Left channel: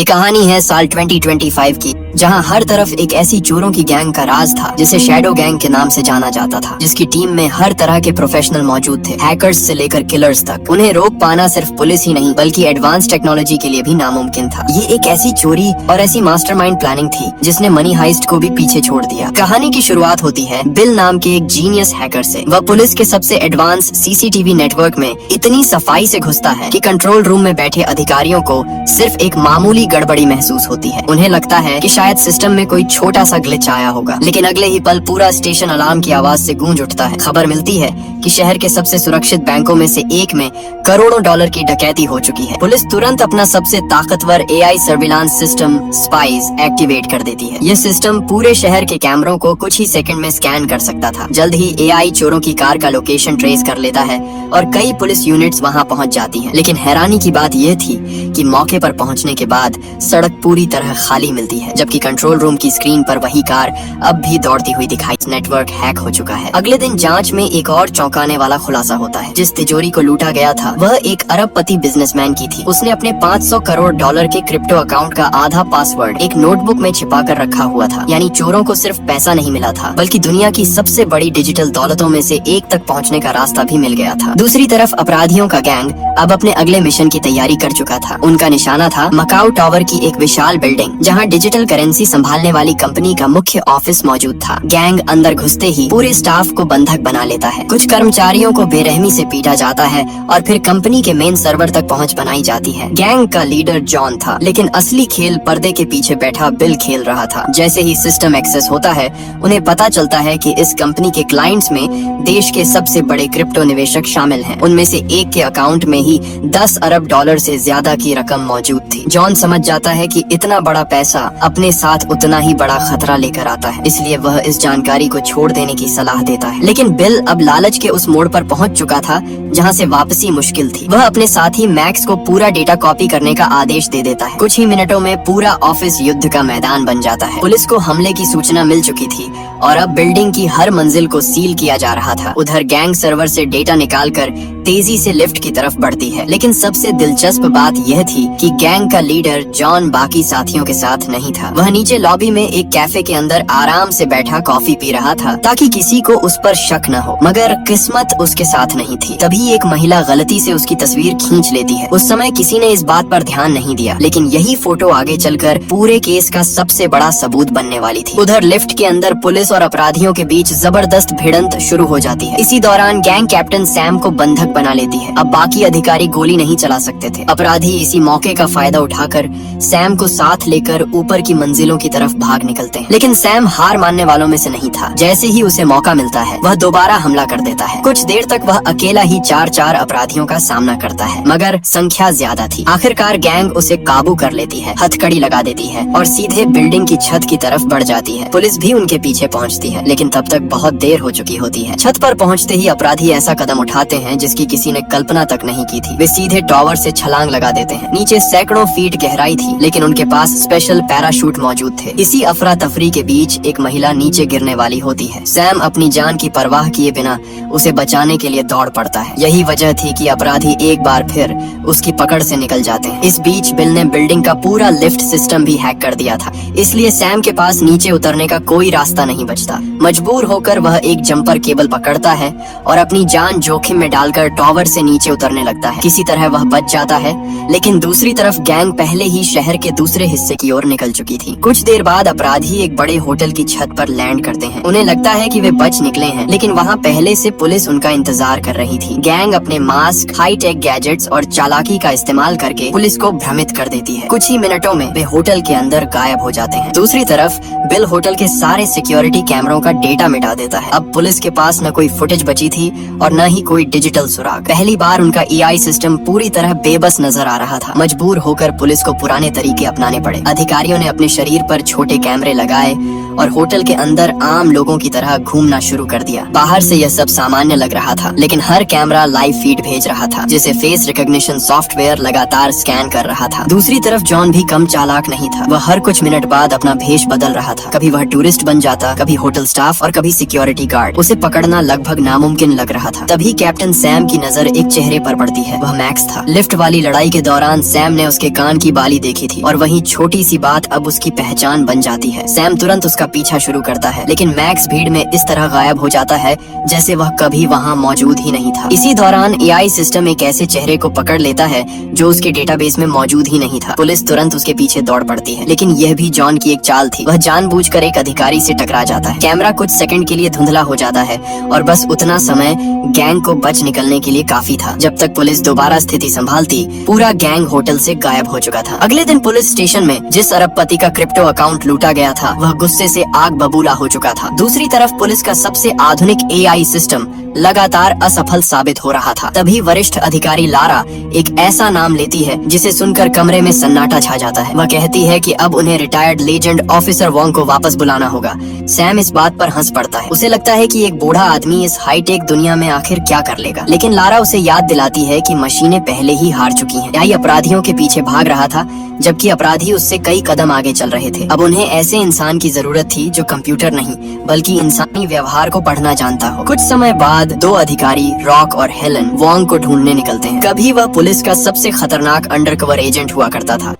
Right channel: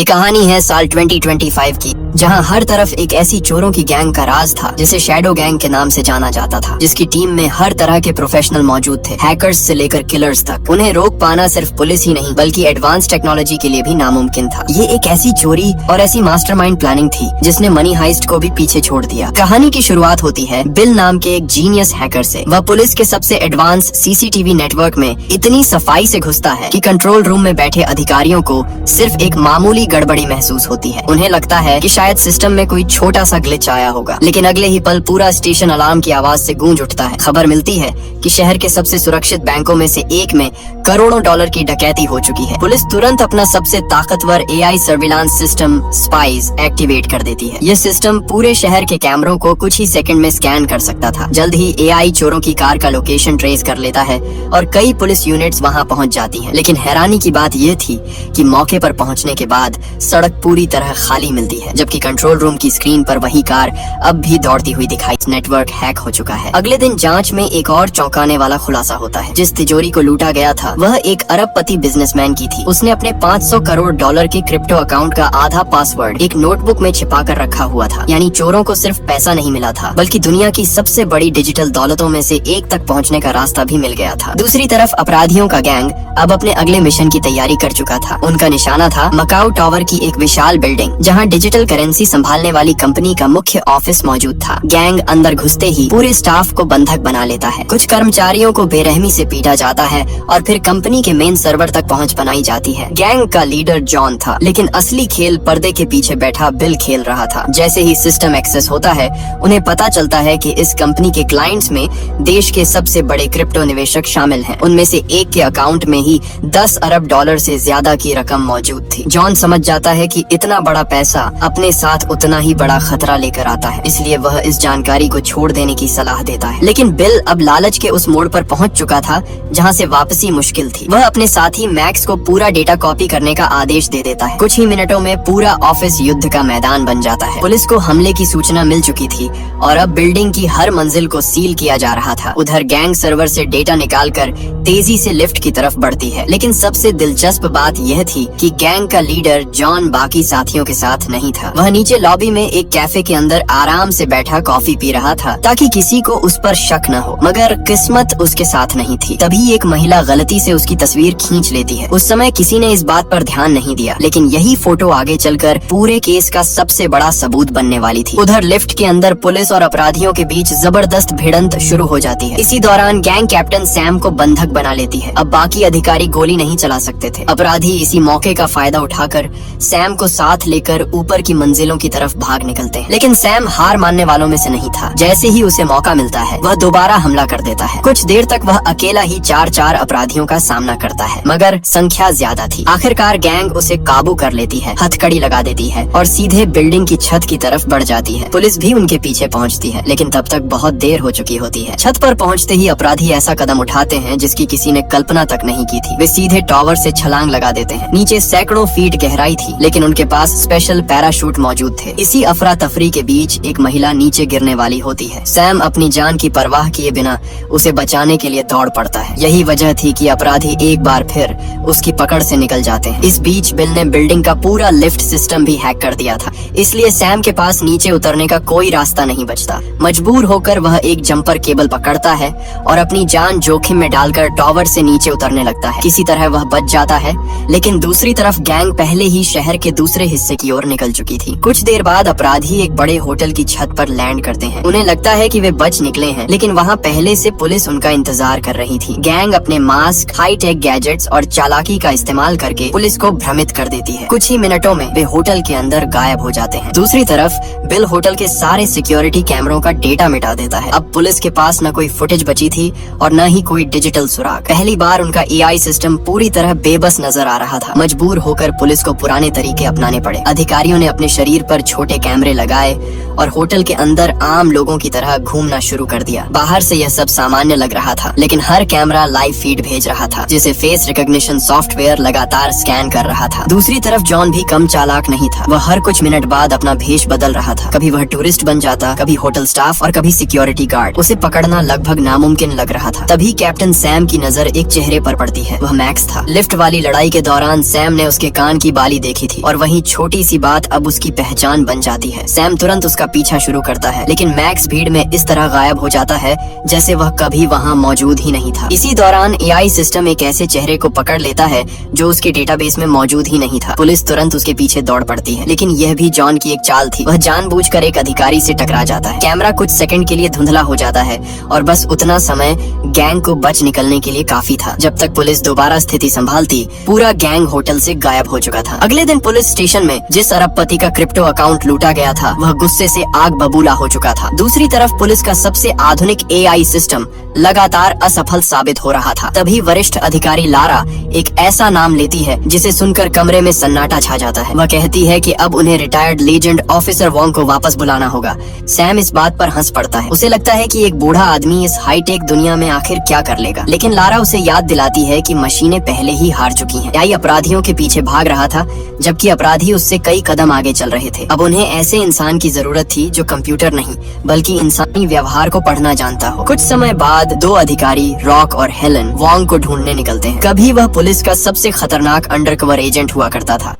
ये कहानी है साल 2025 की, जहां हर तरफ एक ऐसी चोरों की गैंग का राज था जिसे शैडो गैंग के नाम से जाना जाता था, जिसकी टीम में हर तरह के प्रोफेशनल मौजूद थे, हैकर्स से लेकर किलर्स तक। उन्हें रोक पाना सिर्फ पुलिस ही नहीं बल्कि एडवांस टेक्नोलॉजी के लिए भी नामुमकिन था। ये एक ऐसी चोरी और ऐसी मास्टरमाइंड प्लानिंग थी जिसने मनी हाइस्ट को भी पीछे छोड़ दिया। कहानी की शुरुआत होती है बिल नाम के एक जीनियस हैकर से। वह पुलिस के सबसे एडवांस सीसीटीवी नेटवर्क में इतनी सफाई से घुसता है कि कंट्रोल रूम में बैठे अधिकारियों को सिर्फ एक मामूली गड़बड़ी महसूस होती है। उन्हें लगता है कि शायद सिस्टम में कोई छोटा सा ग्लिच आया होगा, लेकिन अगले ही पल पूरा स्टेशन अलार्म की आवाज से गूंज उठता है। खबर मिलती है कि शहर के सबसे सुरक्षित बैंकों में से एक में करोड़ों डॉलर की डकैती हो चुकी है। पुलिस तुरंत अपना सबसे ताकतवर AI surveillance system spice activate कर देती है। ये सिस्टम पूरे शहर के कैमरों को कुछ ही सेकंड में स्कैन कर सकता था। जल्द ही एआई चोरों की कार का लोकेशन ट्रेस कर लेता है और कई पुलिस यूनिट्स वहां पहुंच जाती हैं। लेकिन हैरानी की बात यह थी कि मौके पर पहुंचने के बाद सड़क पूरी तरह खाली मिलती है, जबकि कंट्रोल रूम की स्क्रीन पर वही कार अब भी दौड़ती हुई दिखाई। नेटवर्क हैक हो चुका है। अगले दिन जांच में एक और चौंकाने वाला खुलासा होता है। जिस तिजोरी को लूटा गया था वह एक अरबपति बिजनेसमैन की थी। उसने अपने 500 करोड़ डॉलर के क्रिप्टो अकाउंट का आधा पासवर्ड एक नोटबुक में छिपा कर रखा हुआ था। यानी चोरों को सिर्फ पैसा नहीं मिला था बल्कि दुनिया की सबसे बड़ी डिजिटल दौलतों में से एक तक पहुंचने का रास्ता भी मिल गया था। दूसरी तरफ अपराधियों का गैंग अब अपने अगले मिशन की तैयारी कर चुका था। उनका निशाना था मकाऊ टावर की एक विशाल बिल्डिंग, जहां डिजिटल करेंसी संभालने वाली कंपनी का मुख्य ऑफिस मौजूद था। गैंग अंदर घुसते ही पूरे स्टाफ को बंधक बना लेता है। कुछ कर्मचारियों को बेरहमी से पीटा जाता है और फिर कंपनी के मेन सर्वर तक पहुंच बनाई जाती है। गैंग का लीडर जॉन था, लेकिन असली खेल पर्दे के पीछे बैठा बिल खेल रहा था। जैसे ही सिस्टम एक्सेस होता है उन्हें पता चलता है कि इस कंपनी के क्लाइंट्स में देश के सबसे बड़े क्रिप्टो निवेशक शामिल हैं। उनमें से एक के अकाउंट में ही 10 अरब डॉलर से ज्यादा की रकम मौजूद थी। जॉन समझ जाता है कि इतना बड़ा पैसा अपने साथ उतना ही बड़ा खतरा लेकर आता है, इसलिए वह इस जानकारी को छोड़ देने की सलाह देता है। लेकिन बिल अब लालच के उस मोड़ पर पहुंच चुका था जहां से वापसी मुश्किल थी। वह अपने साथी मैक्स को पूरा डेटा कॉपी करने का आदेश दे देता है। कुछ ही मिनटों में पूरा ऑफिस युद्ध का मैदान बन जाता है। पुलिस को हमले की सूचना मिल चुकी थी और अब बिल्डिंग की हर मंजिल को सील किया जा रहा था। उधर गैंग सर्वर से डेटा निकालकर तेजी से लिफ्ट की तरफ बढ़ती है। लेकिन सबसे दिलचस्प बात यह थी कि गैंग का लीडर जॉन बाकी साथियों के साथ नहीं था। वह नीचे लॉबी में एक कैफे के अंदर आराम से बैठा कॉफी पी रहा था ताकि किसी को उस पर शक न हो। मगर किस्मत उसके साथ नहीं थी। तभी एक महिला गलती से उसकी तस्वीर खींच लेती है। उस समय किसी ने इस बात पर ध्यान नहीं दिया, लेकिन यही फोटो आगे चलकर पूरे केस का सबसे बड़ा सबूत बनने वाली थी। उधर लिफ्ट के अंदर पुलिस और अपराधियों के बीच जबरदस्त भिड़ंत शुरू हो जाती है। इसी दौरान गैंग कैप्टन सैम को बंधक बना लेती है। अब बाकी अधिकारी गोली नहीं चला सकते थे। अपराधी इसी मौके का फायदा उठाकर सैम को साथ लेकर ऊपर की मंजिलों की तरफ भाग निकलते हैं। लेकिन सैम हार मानने वालों में से नहीं था। जैसे ही उसे मौका मिलता है वह दोबारा हमला कर देता है। कुछ देर तक वह अकेला ही 4 अपराधियों का सामना करता है, मगर संख्या ज्यादा थी। आखिरकार गैंग उसे काबू कर लेती है, हथकड़ी लगा देती है और सीधे बिल्डिंग की छत की तरफ बढ़ जाती है। पुलिस भी उनके पीछे पहुंचती है, लेकिन तब तक बहुत देर हो चुकी होती है। छत पर पहुंचते ही अपराधी ऐसा कदम उठाते हैं जिसकी किसी ने कल्पना तक नहीं की थी। वे सीधे टावर से छलांग लगा देते हैं। नीचे सैकड़ों फीट गहराई थी, लेकिन उनके पास स्पेशल पैराशूट मौजूद थे। इसी अफरा तफरी के बीच एक महिला नीचे गिरने वाली होती है। सैम अपनी जान की परवाह किए बिना उसे बचाने के लिए दौड़ पड़ता है। यही वजह थी कि अपराधी एक बार फिर उसकी पकड़ से निकल जाते हैं। इस बीच बिल ने बिल्डिंग का पूरा लिफ्ट सिस्टम भी हैक कर दिया था, इसलिए सैम के पास नीचे उतरने का कोई रास्ता नहीं बचता। मजबूर होकर वह एक जंपर केबल पकड़ता है और अपनी जान जोखिम में डालकर टावर से नीचे उतरने लगता है। किसी तरह वह बच जाता है, लेकिन दूसरी तरफ गैंग पहले ही शहर के दूसरे हिस्से की ओर निकल चुकी थी। कुछ देर बाद अपराधी एक बड़े होटल की छत पर लैंड करते हैं। उन्हें लगता है कि वे बच निकले हैं, लेकिन वहां पहले से पुलिस उनका इंतजार कर रही थी। गैंग अपने मास्क, हाई टेक गैजेट्स और चालाकी का इस्तेमाल करके पुलिस को भ्रमित कर देती है। कुछ ही मिनटों में वे होटल के अंदर गायब हो जाते हैं। दूसरी तरफ बिल होटल के सारे सिक्योरिटी कैमरों का डेटा मिटा देता है। अब पुलिस के पास न कोई फुटेज बची थी और न ही कोई डिजिटल सुराग। पहली बार उनका एआई सिस्टम पूरी तरह बेबस नजर आ रहा था। मजबूर होकर पुलिस को पुराने तरीके अपनाने पड़े। अधिकारियों ने अपने शरीर पर छोटे कैमरे लगाए और होटल के अंदर आम लोगों की तरह घूमना शुरू कर दिया। बाहर से यह सब सामान्य लग रहा था, लेकिन हर कैमरा लाइव फीड भेज रहा था, जिसे फेस रिकॉग्निशन सॉफ्टवेयर लगातार स्कैन कर रहा था। दूसरी तरफ जॉन भी कम चालाक नहीं था। वह हर कुछ मिनट बाद अपना भेष बदल रहा था। कभी वह टूरिस्ट बन जाता, कभी होटल स्टाफ और कभी सिक्योरिटी गार्ड। उसे पकड़ना लगभग नामुमकिन लग रहा था। तभी कैप्टन सैम की नजर एक चेहरे पर पड़ती है। वह मैक्स था। लिफ्ट वाली लड़ाई के दौरान सैम ने उसके कान की बाली खाली देखी थी और वही छोटी सी बात अब उसकी पहचान बन जाती है। सैम तुरंत उसका पीछा शुरू करता है, लेकिन मैक्स भीड़ में इस तरह गायब हो जाता है जैसे वह कभी वहाँ मौजूद ही नहीं था। इसी दौरान एआई सिस्टम एक ऐसे चेहरे को पकड़ लेता है जो उसके डेटाबेस में मौजूद ही नहीं था। पुलिस तुरंत उसके पीछे दौड़ पड़ती है, लेकिन यह भी जॉन की एक चाल थी। वह जानबूझकर एक अधिकारी से टकरा जाता है। कैमरा कुछ सेकंड के लिए धुंधला हो जाता है और बस उतना समय गैंग को बच निकलने के लिए काफी था। जब तक पुलिस दोबारा स्थिति संभालती, पूरा गैंग होटल से गायब हो चुका था। अगले दिन पुलिस स्टेशन में जिस अरबपति का क्रिप्टो अकाउंट लूटा गया था, वह गुस्से से आग बबूला हो चुका था। दूसरी तरफ पुलिस का सबसे आधुनिक एआई सिस्टम लगातार असफल साबित हो रहा था। तभी वरिष्ठ अधिकारी लारा एक ऐसा नाम लेती है जिसे सुनकर कमरे में सन्नाटा छा जाता है। वह कहती है कि अब उन्हें रिटायर्ड लेजेंड ऑफिसर वोंग को वापस बुलाना होगा। सैम इस बात पर हंस पड़ता है। उसे लगता है कि एक बूढ़ा आदमी इस हाईटेक दुनिया में आखिर क्या कर लेगा, लेकिन लारा उसे याद दिलाती है कि मशीनें पहले ही हार चुकी हैं। एआई अपराधियों के पीछे भाग रहा था, जबकि अपराधी उससे कई कदम आगे चल रहे थे। अब उन्हें ऐसे इंसान की जरूरत थी जो कंप्यूटर नहीं बल्कि इंसानी व्यवहार को पढ़ना जानता हो। कुछ समय बाद दो अधिकारी रॉक और हेलन वोंग को ढूंढने निकलते हैं। कभी वह पुलिस का सबसे खतरनाक अंडरकवर एजेंट हुआ करता था।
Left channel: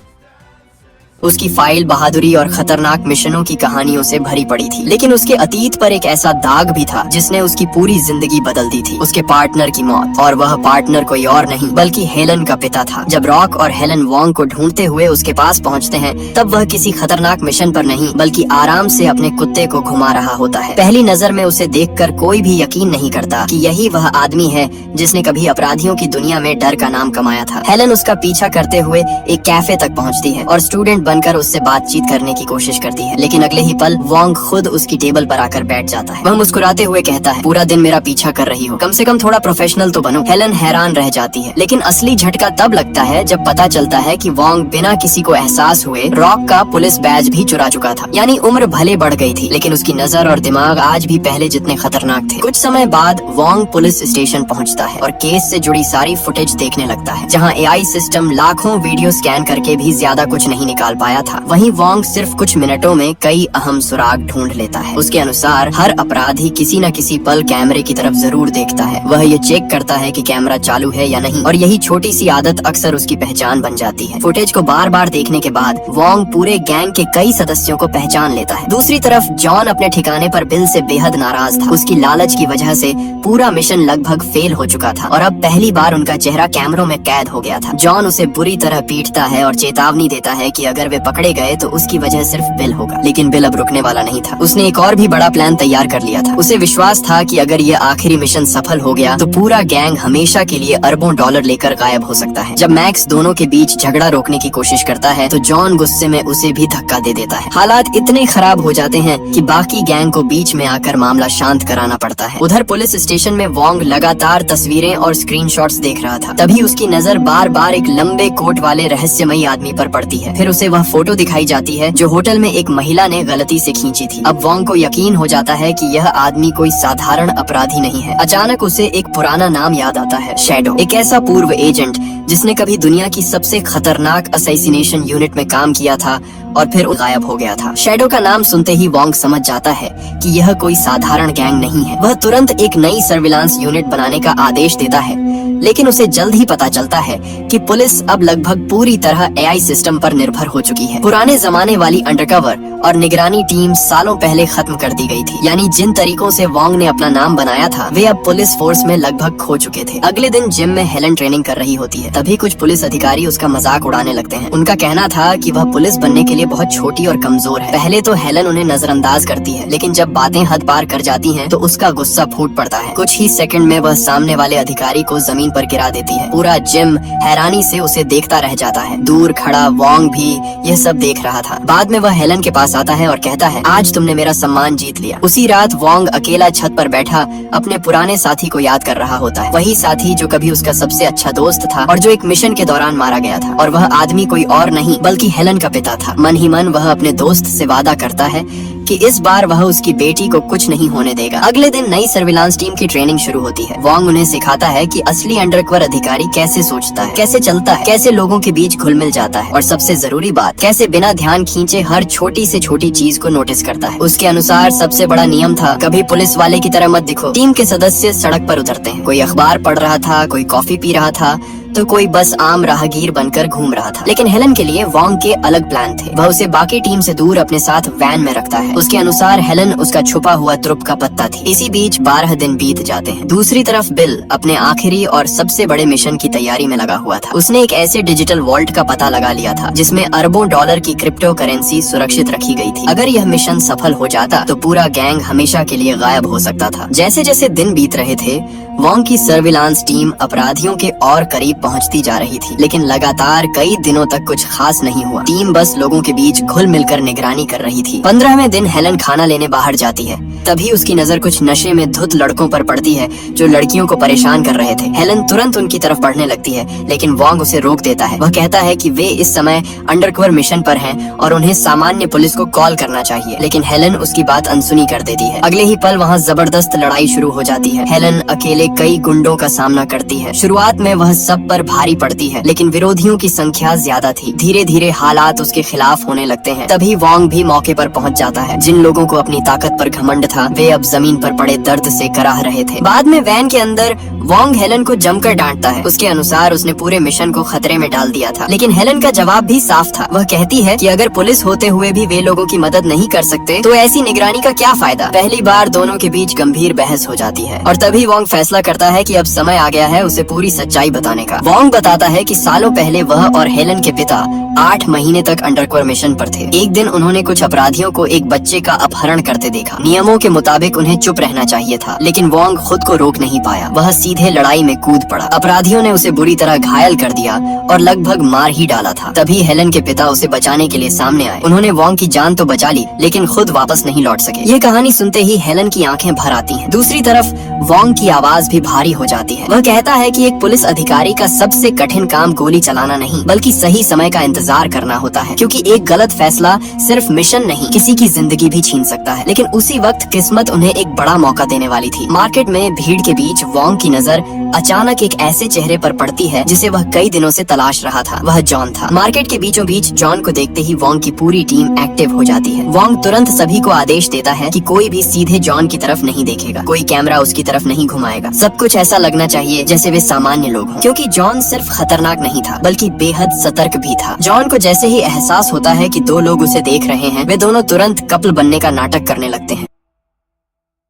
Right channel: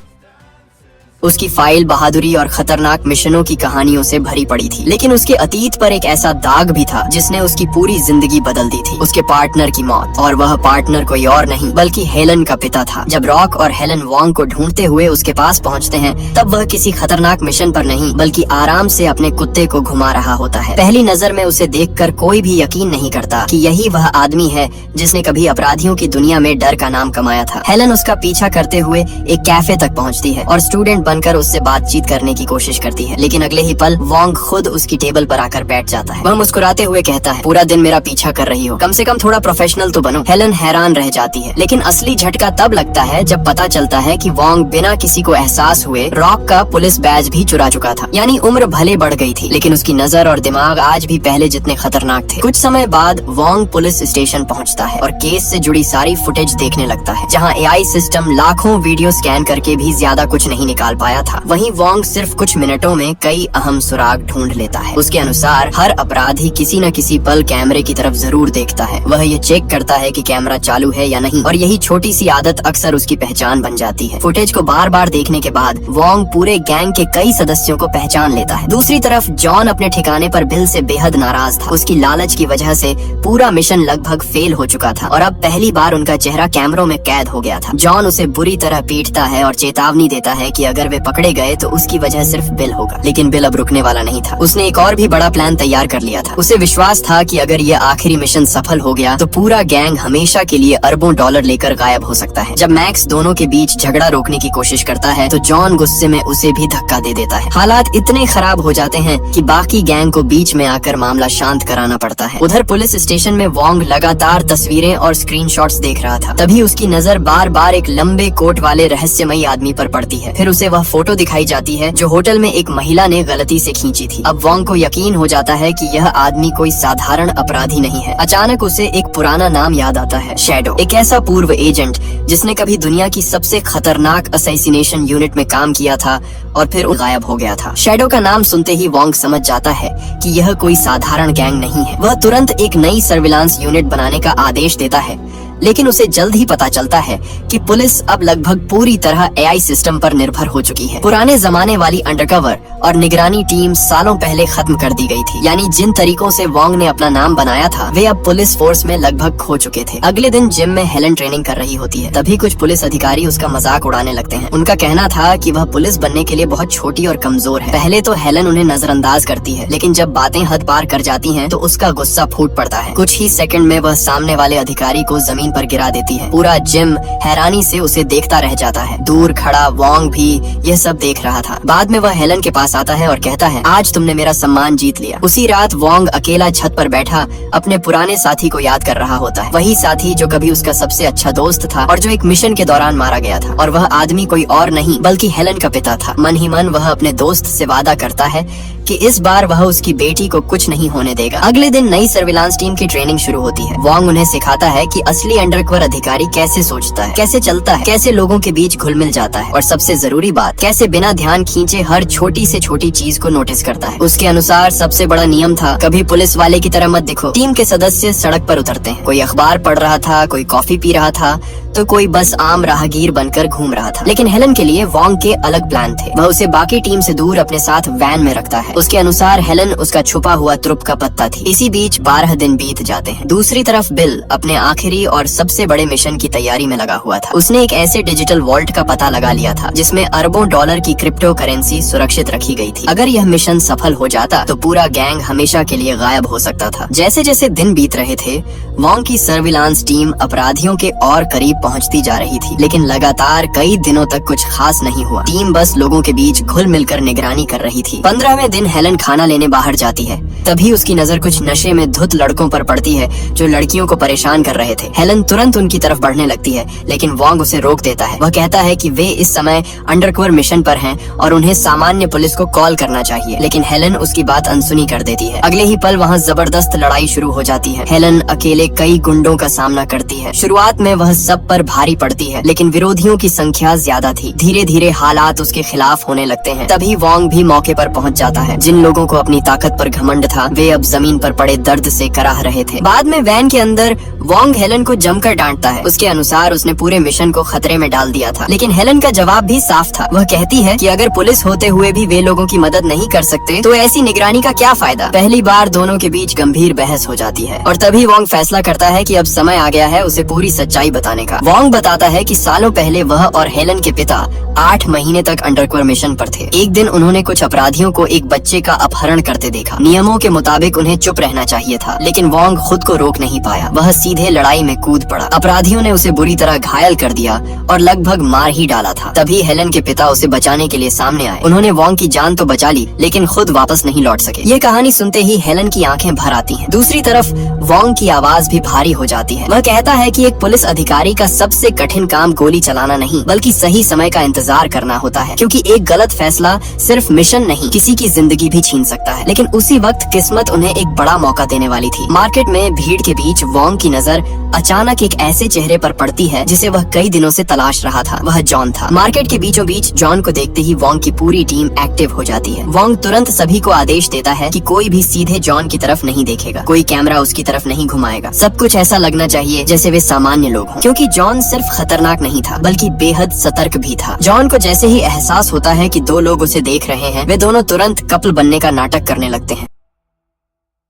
उसकी फाइल बहादुरी और खतरनाक मिशनों की कहानियों से भरी पड़ी थी, लेकिन उसके अतीत पर एक ऐसा दाग भी था जिसने उसकी पूरी जिंदगी बदल दी थी। उसके पार्टनर की मौत, और वह पार्टनर कोई और नहीं बल्कि हेलन का पिता था। जब रॉक और हेलन वोंग को ढूंढते हुए उसके पास पहुंचते हैं, तब वह किसी खतरनाक मिशन पर नहीं बल्कि आराम से अपने कुत्ते को घुमा रहा होता है। पहली नजर में उसे देखकर कोई भी यकीन नहीं करता कि यही वह आदमी है जिसने कभी अपराधियों की दुनिया में डर का नाम कमाया था। हेलन उसका पीछा करते हुए एक कैफे तक पहुँचती है और स्टूडेंट बनकर उससे बातचीत करने की कोशिश करती है, लेकिन अगले ही पल वोंग खुद उसकी टेबल पर आकर बैठ जाता है। वह मुस्कुराते हुए कहता है, पूरा दिन मेरा पीछा कर रही हो, कम से कम थोड़ा प्रोफेशनल तो बनो। हेलन हैरान रह जाती है, लेकिन असली झटका तब लगता है जब पता चलता है कि वोंग बिना किसी को एहसास हुए रॉक का पुलिस बैज भी चुरा चुका था। यानी उम्र भले बढ़ गई थी, लेकिन उसकी नजर और दिमाग आज भी पहले जितने खतरनाक थे। कुछ समय बाद वोंग पुलिस स्टेशन पहुंचता है और केस से जुड़ी सारी फुटेज देखने लगता है, जहां एआई सिस्टम लाखों वीडियो स्कैन करके भी ज्यादा कुछ नहीं निकाल पाया था। वहीं वोंग सिर्फ कुछ मिनटों में कई अहम सुराग ढूंढ लेता है। उसके अनुसार हर अपराधी किसी न किसी पल कैमरे की तरफ जरूर देखता है। वह ये चेक करता है कि कैमरा चालू है या नहीं, और यही छोटी सी आदत अक्सर उसकी पहचान बन जाती है। फुटेज को बार बार देखने के बाद वोंग पूरे गैंग के कई सदस्यों को पहचान लेता है। दूसरी तरफ जॉन अपने ठिकाने पर बिल से बेहद नाराज था। उसकी लालच की वजह से पूरा मिशन लगभग फेल हो चुका था और अब पहली बार उनका चेहरा कैमरों में कैद हो गया था। जॉन उसे बुरी तरह पीटता है और चेतावनी देता है कि अगर वे पकड़े गए तो उसकी वजह सिर्फ बिल होगा। लेकिन बिल अब रुकने वाला नहीं था। उसने एक और भी बड़ा प्लान तैयार कर लिया था। उसे विश्वास था कि अगर यह आखिरी मिशन सफल हो गया तो पूरा गैंग हमेशा के लिए अरबों डॉलर लेकर गायब हो सकता है। जब मैक्स दोनों के बीच झगड़ा रोकने की कोशिश करता है तो जॉन गुस्से में उसे भी धक्का दे देता है। हालात इतने खराब हो जाते हैं कि बाकी गैंग को बीच में आकर मामला शांत कराना पड़ता है। उधर पुलिस स्टेशन में वोंग लगातार तस्वीरें और स्क्रीनशॉट्स देख रहा था। तभी उसकी नजर बार बार एक लंबे कोट वाले रहस्यमयी आदमी पर पड़ती है। फिर उसे वह फोटो दिखाई जाती है जो होटल में एक महिला ने गलती से खींची थी। अब वोंग को यकीन हो जाता है कि यह आदमी कोई साधारण अपराधी नहीं है। अचानक उसे एक पुराना नाम याद आता है, शैडो, एक ऐसा पूर्व एजेंट जिसने कभी दुनिया की सबसे खतरनाक असैसिनेशन यूनिट में काम किया था और फिर गायब हो गया था। शैडो का नाम सुनते ही वोंग समझ जाता है कि यह कोई साधारण गैंग नहीं है। वह तुरंत एक नई सर्विलांस यूनिट बनाने का आदेश देता है, लेकिन उसे जल्द ही पता चलता है कि पुलिस अब लगभग पूरी तरह एआई सिस्टम पर निर्भर हो चुकी है। पुराने जमाने वाली अंडरकवर और निगरानी टीम सालों पहले खत्म कर दी गई थी। यानी जिन तरीकों से वोंग ने अपना नाम बनाया था वे अब पुलिस फोर्स में लगभग खो चुके थे। अगले दिन जिम में हेलन ट्रेनिंग कर रही होती है। तभी कुछ पुलिस अधिकारी उसका मजाक उड़ाने लगते हैं। उनका कहना था कि वह पुलिस बनने के लिए बहुत छोटी और कमजोर है। पहले तो हेलन उन्हें नजरअंदाज करती है, लेकिन जब बातें हद पार कर जाती हैं तो उसका गुस्सा फूट पड़ता है। कुछ ही सेकंड में वह सामने वाले अधिकारी को जमीन पर गिरा देती है। पूरा जिम हैरानी से उसे देखता रह जाता है। दूर खड़ा वोंग भी यह सब देख रहा था। बाद में वह हेलन के पास आता है और कहता है, आज तुमने मेरा सम्मान जीत लिया। उसी रात वोंग अकेला छत पर बैठा अपने पुराने साथी को याद कर रहा होता है। वही साथी जो कभी उसका सबसे अच्छा दोस्त था और जो एक मिशन के दौरान मारा गया था। और वह आदमी कोई और नहीं बल्कि हेलन का पिता था। मन ही मन वह अपने दोस्त से वादा करता है कि इस बार वह उसकी बेटी को कुछ नहीं होने देगा। अगले दिन नई सर्विलांस टीम की ट्रेनिंग शुरू होती है। वोंग उन्हें सिखाता है कि असली अंडरकवर अधिकारी कैसे सोचता है, कैसे चलता है, कैसे लोगों के बीच घुल मिल जाता है और सबसे जरूरी बात, कैसे बिना ध्यान खींचे हर छोटी से छोटी चीज को नोटिस करता है। उसके अनुसार सबसे बड़ा नियम था, कभी पुलिस वाले की तरह मत दिखो। टीम के सदस्य सड़क पर उतरते हैं। कोई अखबार पढ़ रहा था, कोई कॉफी पी रहा था, तो कोई बस आम राहगीर बनकर घूम रहा था। लेकिन हेलन के लिए वॉन्ग के अलग प्लान थे। वह उसे बाकी टीम से दूर अपने साथ वैन में रखता है। उसके अनुसार हेलन उसका छुपा हुआ तुरुप का पत्ता थी। इसी बीच 12 दिन बीत जाते हैं। दूसरी तरफ बिल अपने आखिरी और सबसे बड़े मिशन की तैयारी में लगा हुआ था। उसने एक ऐसे डिजिटल वॉल्ट का पता लगा लिया था जिसमें अरबों डॉलर की क्रिप्टो करेंसी सुरक्षित रखी गई थी। अगर यह मिशन सफल हो जाता तो पूरा गैंग हमेशा के लिए गायब हो सकता था। जैसे जैसे दिन बीत रहे थे, वॉन्ग की सर्विलांस टीम अपराधियों के और करीब पहुंचती जा रही थी। लेकिन लगातार कई दिनों तक कुछ खास नहीं हुआ। टीम बस लोगों के बीच घुल मिलकर निगरानी कर रही थी। 15वें दिन हेलन खाना लेने बाहर जाती है। तभी उसकी नजर कुछ नशे में धुत लड़कों पर पड़ती है जो लड़कियों को परेशान कर रहे थे। हेलन तुरंत उनकी तरफ बढ़ने लगती है, लेकिन वॉन्ग उसे रोक देता है। वह कहता है कि वे इस समय अंडरकवर मिशन पर हैं और उन्हें सामान्य पुलिस को कॉल करना चाहिए। लेकिन हेलन उसकी बात अनसुनी कर देती है। अगले ही पल वहाँ जबरदस्त लड़ाई शुरू हो जाती है। हेलन अकेले कई गुंडों का सामना करती है। शुरुआत में वह सब पर भारी पड़ती है, लेकिन विरोधियों की संख्या ज्यादा थी। धीरे धीरे हालात उसके खिलाफ होने लगते हैं। तभी वॉन्ग भी मौके पर पहुंच जाता है। जिन लोगों को अपनी ताकत पर घमंड था, वे अब जमीन पर पड़े दर्द से कराह रहे थे। बाद में वैन के अंदर वॉन्ग हेलन को जमकर डांटता है। उसके अनुसार उसने पूरे मिशन को खतरे में डाल दिया था। लेकिन हेलन का जवाब भी साफ था। वह कहती है कि अगर पुलिस होते हुए भी वे लोगों की मदद नहीं कर सकते तो ऐसी निगरानी का क्या फायदा। पहली बार दोनों के बीच गंभीर बहस हो जाती है और तभी वॉन्ग फैसला करता है कि अब समय आ गया है उसे पूरी सच्चाई बताने का। वॉन्ग बताता है कि सालों पहले वह और हेलन के पिता 8 महीने तक अंडरकवर मिशन पर थे। एक दिन उन्होंने कुछ अपराधियों को एक बच्चे का अपहरण करते देखा। नियमों के मुताबिक उन्हें चुप रहना चाहिए था, लेकिन वॉन्ग खुद को रोक नहीं पाया। वह सीधे लड़ाई में कूद पड़ा। अपराधियों ने उसे बुरी तरह घायल कर दिया और लगभग मार ही डाला था। तभी हेलन के पिता उसे बचाने के लिए सामने आए। उन्होंने वॉन्ग की जान तो बचा ली, लेकिन खुद वापस नहीं लौट सके। ये कहानी सुनते ही हेलन की आंखें भर आती हैं। दूसरी तरफ वॉन्ग की आवाज भी भारी हो जाती है। वह कहता है कि एक पुलिस अधिकारी का सबसे कठिन काम गोली चलाना नहीं, बल्कि सही समय का इंतजार करना होता है, क्योंकि एक गलत फैसला सिर्फ मिशन नहीं, किसी की जिंदगी भी छीन सकता है। लेकिन उसी वक्त किस्मत उन्हें एक बड़ा मौका देने वाली थी। मार्केट में भीड़ के बीच वॉन्ग की नजर अचानक एक ऐसे चेहरे पर पड़ती है जिसे वह कई दिनों से तलाश रहा था। वह जॉन था। मार्केट के बीचों बीच जॉन को देखते ही वॉन्ग की पूरी टीम एक्टिव हो जाती है। वॉन्ग तुरंत सभी को आदेश देता है कि कोई भी सीधे जॉन की तरफ नहीं देखेगा, कोई कैमरा उसकी तरफ नहीं घुमाएगा। सब कुछ ऐसा लगना चाहिए जैसे वे सामान्य लोग हों, क्योंकि जॉन सिर्फ खतरनाक नहीं था बल्कि बेहद सतर्क भी था। जॉन को जैसे ही एहसास होता है कि 2 लोग उसे देख रहे हैं, वे दोनों तुरंत कपल बनने का नाटक करने लगते हैं।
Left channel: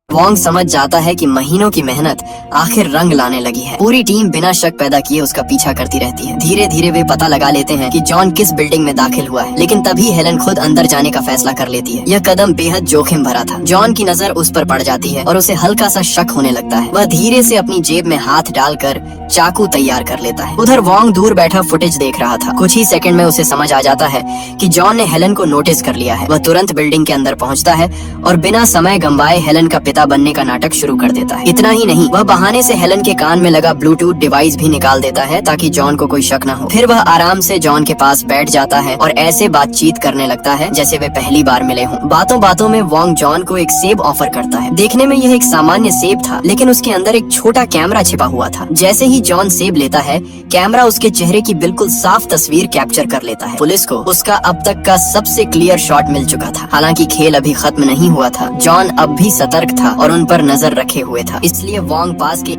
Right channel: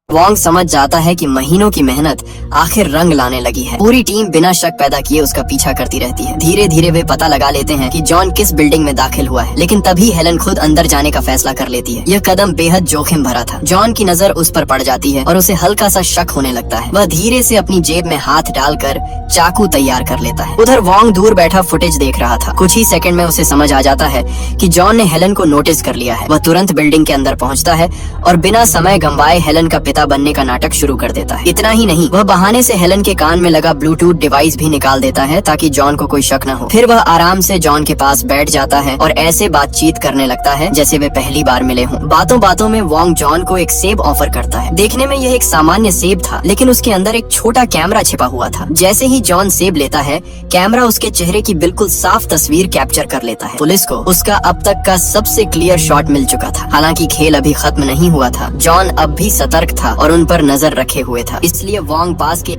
वॉन्ग समझ जाता है कि महीनों की मेहनत आखिर रंग लाने लगी है। पूरी टीम बिना शक पैदा किए उसका पीछा करती रहती है। धीरे धीरे वे पता लगा लेते हैं कि जॉन किस बिल्डिंग में दाखिल हुआ है, लेकिन तभी हेलन खुद अंदर जाने का फैसला कर लेती है। यह कदम बेहद जोखिम भरा था। जॉन की नजर उस पर पड़ जाती है और उसे हल्का सा शक होने लगता है। वह धीरे से अपनी जेब में हाथ डालकर चाकू तैयार कर लेता है। उधर वॉन्ग दूर बैठा फुटेज देख रहा था। कुछ ही सेकंड में उसे समझ आ जाता है कि जॉन ने हेलन को नोटिस कर लिया है। वह तुरंत बिल्डिंग के अंदर पहुंचता है और बिना समय गंवाए हेलन का पिता बनने का नाटक शुरू कर देता है। इतना ही नहीं, वह बहाने से हेलन के कान में लगा ब्लूटूथ डिवाइस भी निकाल देता है ताकि जॉन को कोई शक न हो। फिर वह आराम से जॉन के पास बैठ जाता है और ऐसे बातचीत करने लगता है जैसे वे पहली बार मिले हों। बातों बातों में वॉन्ग जॉन को एक सेब ऑफर करता है। देखने में यह एक सामान्य सेब था, लेकिन उसके अंदर एक छोटा कैमरा छिपा हुआ था। जैसे ही जॉन सेब लेता है, कैमरा उसके चेहरे की बिल्कुल साफ तस्वीर कैप्चर कर लेता है। पुलिस को उसका अब तक का सबसे क्लियर शॉट मिल चुका था। हालांकि खेल अभी खत्म नहीं हुआ था। जॉन अब भी सतर्क था और उन पर नजर रखे हुए था। इसलिए वॉन्ग पास के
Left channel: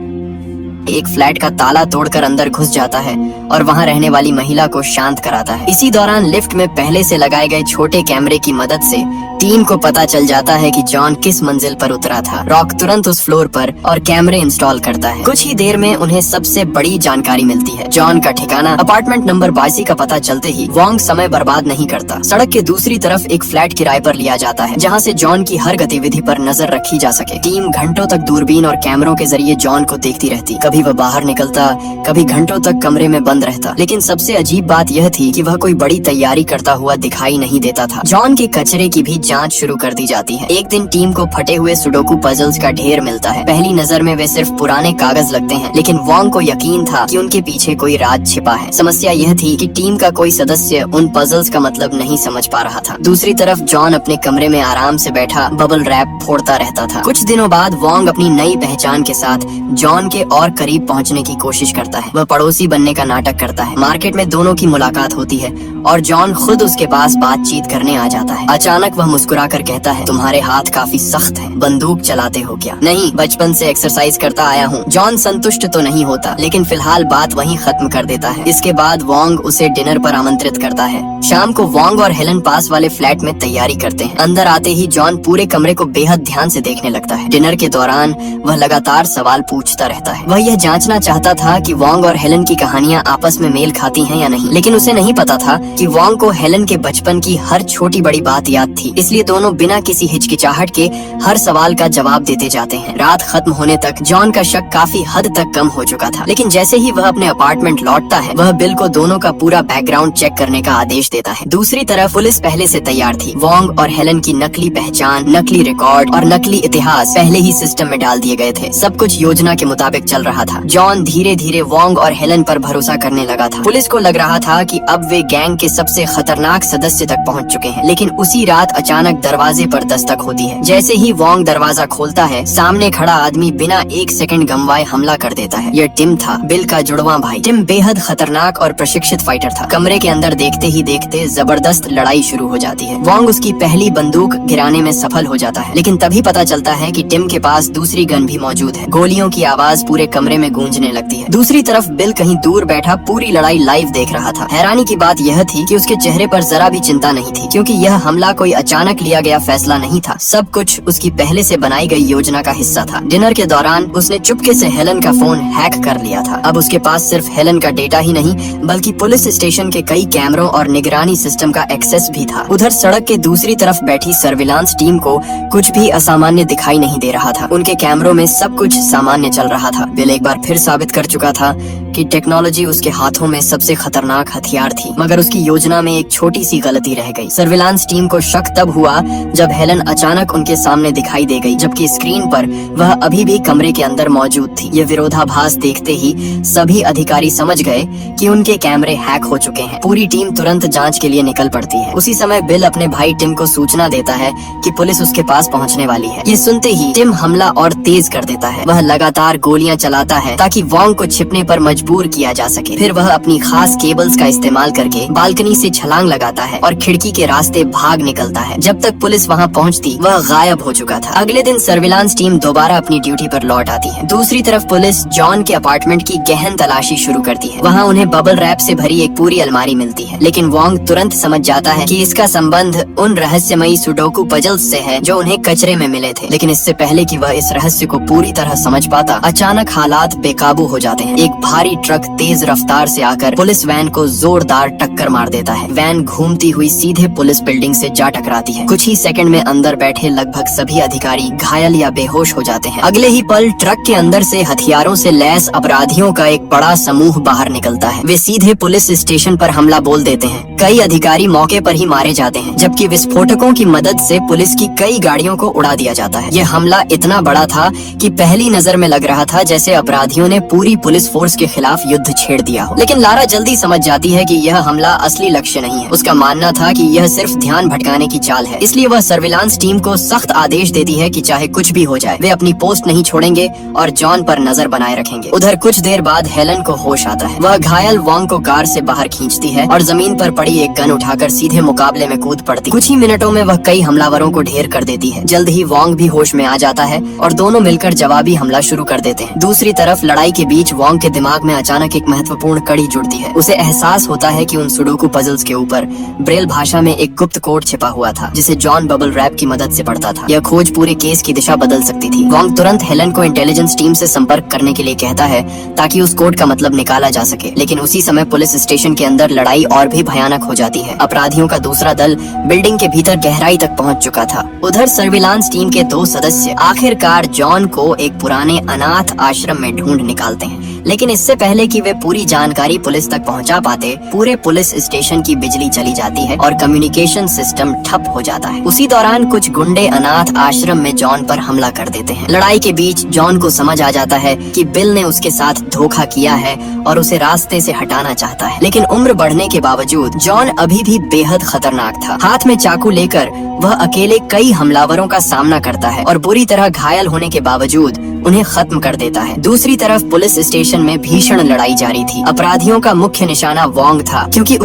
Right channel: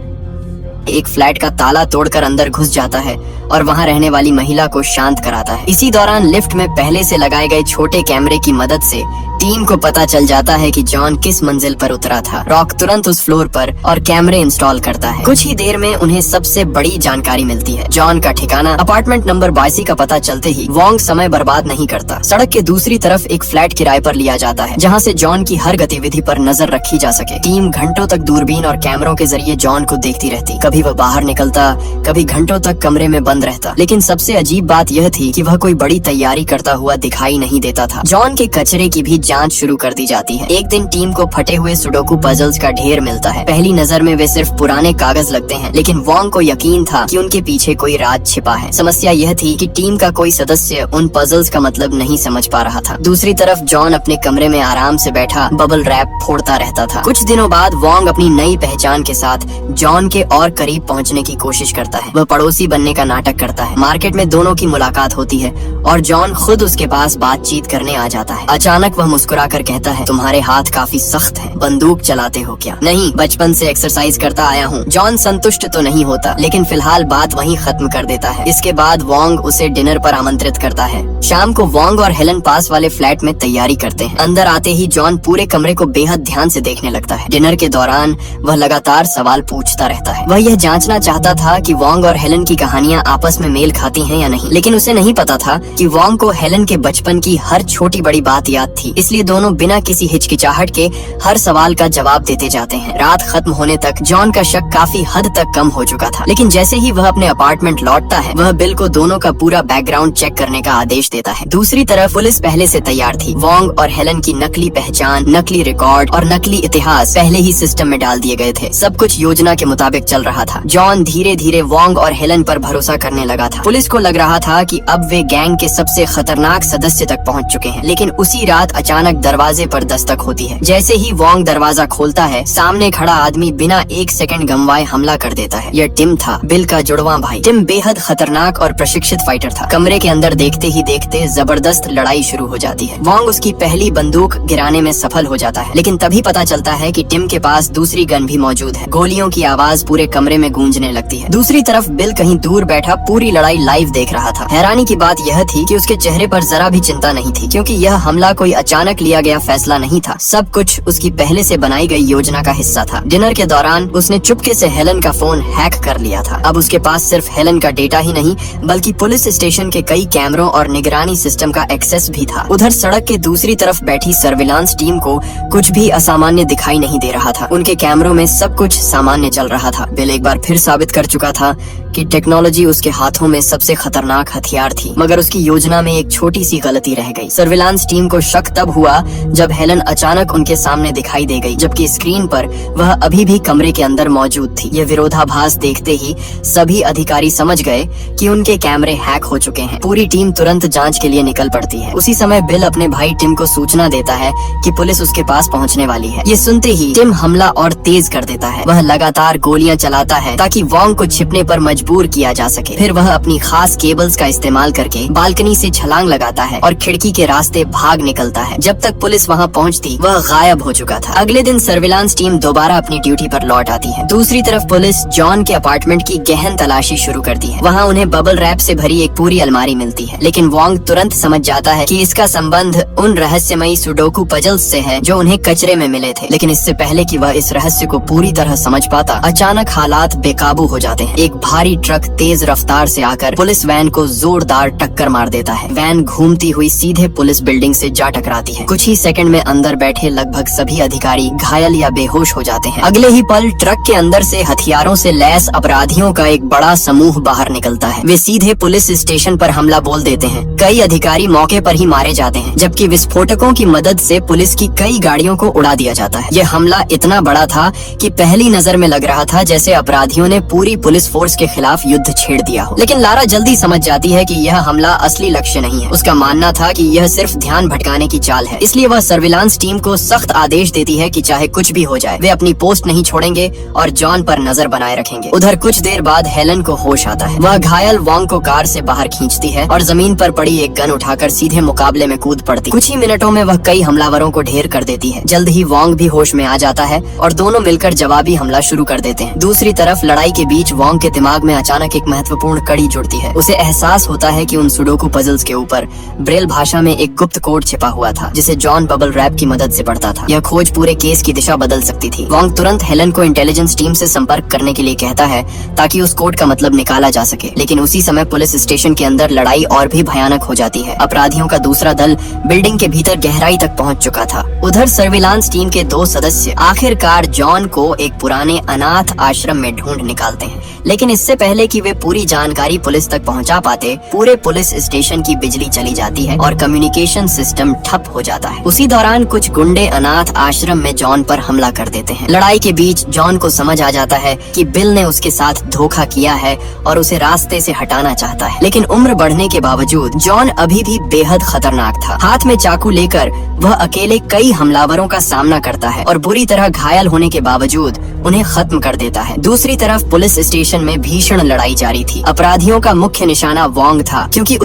एक फ्लैट का ताला तोड़कर अंदर घुस जाता है और वहां रहने वाली महिला को शांत कराता है। इसी दौरान लिफ्ट में पहले से लगाए गए छोटे कैमरे की मदद से टीम को पता चल जाता है कि जॉन किस मंजिल पर उतरा था। रॉक तुरंत उस फ्लोर पर और कैमरे इंस्टॉल करता है। कुछ ही देर में उन्हें सबसे बड़ी जानकारी मिलती है। जॉन का ठिकाना अपार्टमेंट नंबर 82 का पता चलते ही वॉन्ग समय बर्बाद नहीं करता। सड़क के दूसरी तरफ एक फ्लैट किराए पर लिया जाता है, जहाँ से जॉन की हर गतिविधि पर नजर रखी जा सके। टीम घंटों तक दूरबीन और कैमरों के जरिए जॉन को देखती रहती। कभी वह बाहर निकलता, कभी घंटों तक कमरे में बंद रहता। लेकिन सबसे अजीब बात यह थी कि वह कोई बड़ी तैयारी करता हुआ दिखाई नहीं देता था। जॉन के कचरे की भी जांच शुरू कर दी जाती है। एक दिन टीम को फटे हुए सुडोकू पजल्स का ढेर मिलता है। पहली नजर में वे सिर्फ पुराने कागज लगते हैं, लेकिन वॉन्ग को यकीन था कि उनके पीछे कोई राज छिपा है। समस्या यह थी कि टीम का कोई सदस्य उन पजल्स का मतलब नहीं समझ पा रहा था। दूसरी तरफ जॉन अपने कमरे में आराम से बैठा बबल रैप फोड़ता रहता था। कुछ दिनों बाद वॉन्ग अपनी नई पहचान के साथ जॉन के और करीब पहुंचने की कोशिश करता है। वह पड़ोसी बनने का नाटक करता है। मार्केट में दोनों की मुलाकात होती है और जॉन खुद उसके पास बातचीत करने आ जाता है। अचानक वह मुस्कुरा कर कहता है, तुम्हारे हाथ काफी सख्त हैं, बंदूक चलाते हो क्या? नहीं, बचपन से एक्सरसाइज करता आया हूँ। जॉन संतुष्ट तो नहीं होता, लेकिन फिलहाल बात वहीं खत्म कर देता है। इसके बाद वोंग उसे डिनर पर आमंत्रित करता है। शाम को वोंग और हेलन पास वाले फ्लैट में तैयारी करते हैं। अंदर आते ही जॉन पूरे कमरे को बेहद ध्यान से देखने लगता है। डिनर के दौरान वह लगातार सवाल पूछता रहता है। वह यह जांचना चाहता था कि वोंग और हेलन की कहानियां आपस में मेल खाती हैं या नहीं, लेकिन उसे नहीं पता था कि वोंग को हेलन के बचपन की हर छोटी बड़ी बात याद थी। इसलिए दोनों बिना किसी हिचकिचाहट के हर सवाल का जवाब देते जाते हैं। रात खत्म होने तक जॉन का शक काफी हद तक कम हो चुका था, लेकिन जैसे ही वह अपने अपार्टमेंट लौटता है, वह बिल को दोनों का पूरा बैकग्राउंड चेक करने का आदेश देता है। दूसरी तरफ पुलिस पहले से तैयार थी। वोंग और हेलन की नकली पहचान, नकली रिकॉर्ड और नकली इतिहास पहले ही सिस्टम में डाल दिए गए थे। सब कुछ योजना के मुताबिक चल रहा था। जॉन धीरे धीरे वोंग और हेलन पर भरोसा करने लगा था। पुलिस को लग रहा था कि अब वे गैंग के सबसे खतरनाक सदस्य तक पहुंच चुके हैं, लेकिन उसी रात अचानक दरवाजे पर दस्तक होती है। जैसे ही वोंग दरवाजा खोलता है, सामने खड़ा आदमी बिना एक सेकंड गंवाए हमला कर देता है। यह टिम था, बिल का जुड़वा भाई। टिम बेहद खतरनाक और प्रशिक्षित फाइटर था। कमरे के अंदर देखते ही देखते जबरदस्त लड़ाई शुरू हो जाती है। वोंग उसकी पहली बंदूक गिराने में सफल हो जाता है, लेकिन तभी पता चलता है कि टिम के पास दूसरी गन भी मौजूद है। गोलियों की आवाज पूरे कमरे में गूंजने लगती है। दूसरी तरफ बिल कहीं दूर बैठा पूरी लड़ाई लाइव देख रहा था। हैरानी की बात यह थी कि उसके चेहरे पर जरा भी चिंता नहीं थी, क्योंकि यह हमला कोई अचानक लिया गया फैसला नहीं था। सब कुछ उसकी पहले से बनाई गई योजना का हिस्सा था। डिनर के दौरान उसने चुपके से हेलन का फोन हैक कर लिया था। अब उसके पास सिर्फ हेलन का डेटा ही नहीं, बल्कि पुलिस स्टेशन के कई कैमरों और निगरानी सिस्टम का एक्सेस भी था। उधर सड़क के दूसरी तरफ बैठी सर्विलांस टीम को कुछ भी असामान्य दिखाई नहीं दे रहा था। उनके कैमरों में सब कुछ सामान्य चल रहा था। बिल एक बार फिर साबित कर चुका था कि टेक्नोलॉजी उसके हाथों में सबसे खतरनाक हथियार थी, मगर उसकी योजना में एक छोटी सी गलती रह गई। सर्विलांस टीम को शक तब हुआ जब हेलन अचानक उनके सामने दिखाई दे गई, जबकि स्क्रीन पर वह अभी भी कमरे के अंदर मौजूद थी। यह विरोधाभास देखते ही सभी अधिकारी समझ गए कि उनके कैमरे हैक हो चुके हैं। पूरी टीम तुरंत जांच के लिए निकल पड़ती है। उसी समय बिल अपने भाई टिम को सूचना देता है कि पुलिस उसके पास पहुंचने वाली है। ये सुनते ही टिम हमला और तेज कर देता है। वह लगातार गोलियां चलाता है ताकि वोंग को छिपने पर मजबूर किया जा सके। फिर वह अपनी खास केबल्स का इस्तेमाल करके बालकनी से छलांग लगाता है और खिड़की के रास्ते भाग निकलता है। जब तक पुलिस वहां पहुंचती, वह गायब हो चुका था। अगले दिन सर्विलांस टीम दोबारा अपनी ड्यूटी पर लौट आती है। दूसरी तरफ पुलिस जॉन के अपार्टमेंट की गहन तलाशी शुरू करती है। वहाँ उन्हें बबल रैप से भरी एक पूरी अलमारी मिलती है, लेकिन वोंग तुरंत समझ जाता है कि इसका संबंध उन रहस्यमयी सुडोकू पजल्स से है जो उन्हें कचरे में मिले थे। लेकिन इससे पहले कि वह इस रहस्य को पूरी तरह समझ पाता, अचानक हालात बेकाबू हो जाते हैं। एक भारी ट्रक तेज रफ्तार से आकर पुलिस वैन को जोरदार टक्कर मार देता है। वैन घूमती हुई सीधे पुलिस बिल्डिंग से जा टकराती है। कुछ ही सेकंड में अंदर बैठे लगभग सभी अधिकारी घायल या बेहोश हो जाते हैं। अगले ही पल ट्रक के अंदर से हथियारों से लैस अपराधियों का एक बड़ा समूह बाहर निकलता है। वे सीधे पुलिस स्टेशन पर हमला बोल देते हैं। कई अधिकारी मौके पर ही मारे जाते हैं, जबकि विस्फोटकों की मदद से पुलिस की कई गाड़ियों को उड़ा दिया जाता है। यह हमला इतना बड़ा था कि पहली नजर में लग रहा था जैसे अपराधियों ने पूरी पुलिस फोर्स के खिलाफ युद्ध छेड़ दिया हो। लेकिन लारा जल्दी समझ जाती है कि यह हमला असली लक्ष्य नहीं है। उसका मानना था कि यह सिर्फ ध्यान भटकाने की चाल है। इसलिए वह सर्विलांस टीम को सख्त आदेश देती है कि चाहे कुछ भी हो जाए, वे अपनी पोस्ट नहीं छोड़ेंगे और जॉन पर नजर बनाए रखेंगे। उधर कुछ देर बाद हेलन को होश आता है। वह घायल वोंग को कार से बाहर खींचती है और जमीन पर पड़ी एक गन उठाकर सीधे मुकाबले में कूद पड़ती। कुछ ही मिनटों में वह कई हमलावरों को ढेर कर देती है। जल्द ही वोंग भी होश में आ जाता है और दोनों मिलकर जवाबी हमला शुरू कर देते हैं। दूसरी तरफ लड़ाई के बीच वोंग के दिमाग में अचानक एक महत्वपूर्ण कड़ी जुड़ती है। उसे एहसास होता है कि उन सुडोकू पजल्स के ऊपर ब्रेल भाषा में एक गुप्त कोड छिपा हुआ था, जिसे जॉन बबल रैप की मदद से पढ़ता था। यह खोज पूरे केस की दिशा बदल सकती थी। वोंग तुरंत हेलन को इंटेलिजेंस टीम से संपर्क करने के लिए कहता है ताकि उस कोड का मतलब निकाला जा सके। लेकिन उसी समय पुलिस स्टेशन के अंदर लड़ाई और भी भयानक हो जाती है। अपराधियों का दूसरा दल बिल्डिंग के भीतर गहराई तक पहुंच चुका था। उधर सर्विलांस टीम के 2 सदस्य आखिरकार जॉन को एक पुराने अनाथ आश्रम में ढूंढ निकालते हैं। लेकिन इससे पहले कि वे पूरी जानकारी पुलिस तक पहुंचा पाते, पूरे पुलिस स्टेशन की बिजली चली जाती है और कम्युनिकेशन सिस्टम ठप हो जाता है। उसी दौरान कुछ गुंडे अनाथ आश्रम में जॉन पर हमला कर देते हैं। लड़ाई के बीच जॉन को समझ आ जाता है कि बिल ने उसके साथ धोखा किया है और उसे रास्ते से हटाना चाहता है। लेकिन उम्र बढ़ने के बावजूद जॉन अभी भी बेहद खतरनाक था। हाथ में चाकू लेकर वह अकेले कई हमलावरों का सामना करता है और बुरी तरह घायल होने के बावजूद उन्हें खत्म कर देता है। दूसरी तरफ पुलिस स्टेशन में भीषण लड़ाई जारी थी। अपराधियों का मुख्य निशाना वोंग था, क्योंकि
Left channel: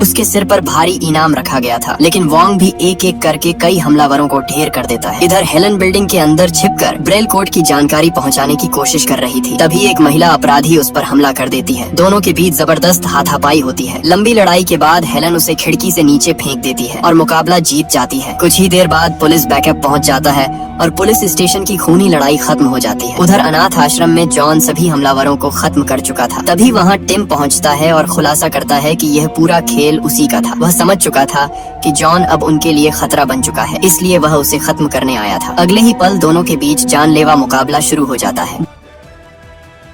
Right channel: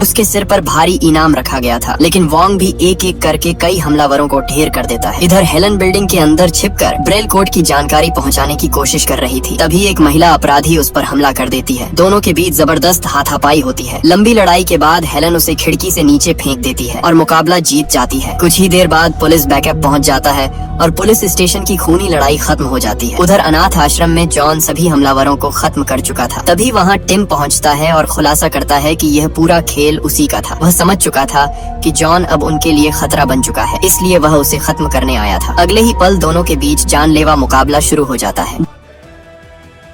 उसके सिर पर भारी इनाम रखा गया था। लेकिन वोंग भी एक एक करके कई हमलावरों को ढेर कर देता है। इधर हेलन बिल्डिंग के अंदर छिपकर ब्रेल कोड की जानकारी पहुंचाने की कोशिश कर रही थी। तभी एक महिला अपराधी उस पर हमला कर देती है। दोनों के बीच जबरदस्त हाथापाई होती है। लंबी लड़ाई के बाद हेलन उसे खिड़की से नीचे फेंक देती है और मुकाबला जीत जाती है। कुछ ही देर बाद पुलिस बैकअप पहुंच जाता है और पुलिस स्टेशन की खूनी लड़ाई खत्म हो जाती है। उधर अनाथ आश्रम में जॉन सभी हमलावरों को खत्म कर चुका था। तभी वहाँ टिम पहुँचता है और खुलासा करता है कि यह पूरा खेल उसी का था। वह समझ चुका था कि जॉन अब उनके लिए खतरा बन चुका है, इसलिए वह उसे खत्म करने आया था। अगले ही पल दोनों के बीच जानलेवा मुकाबला शुरू हो जाता है।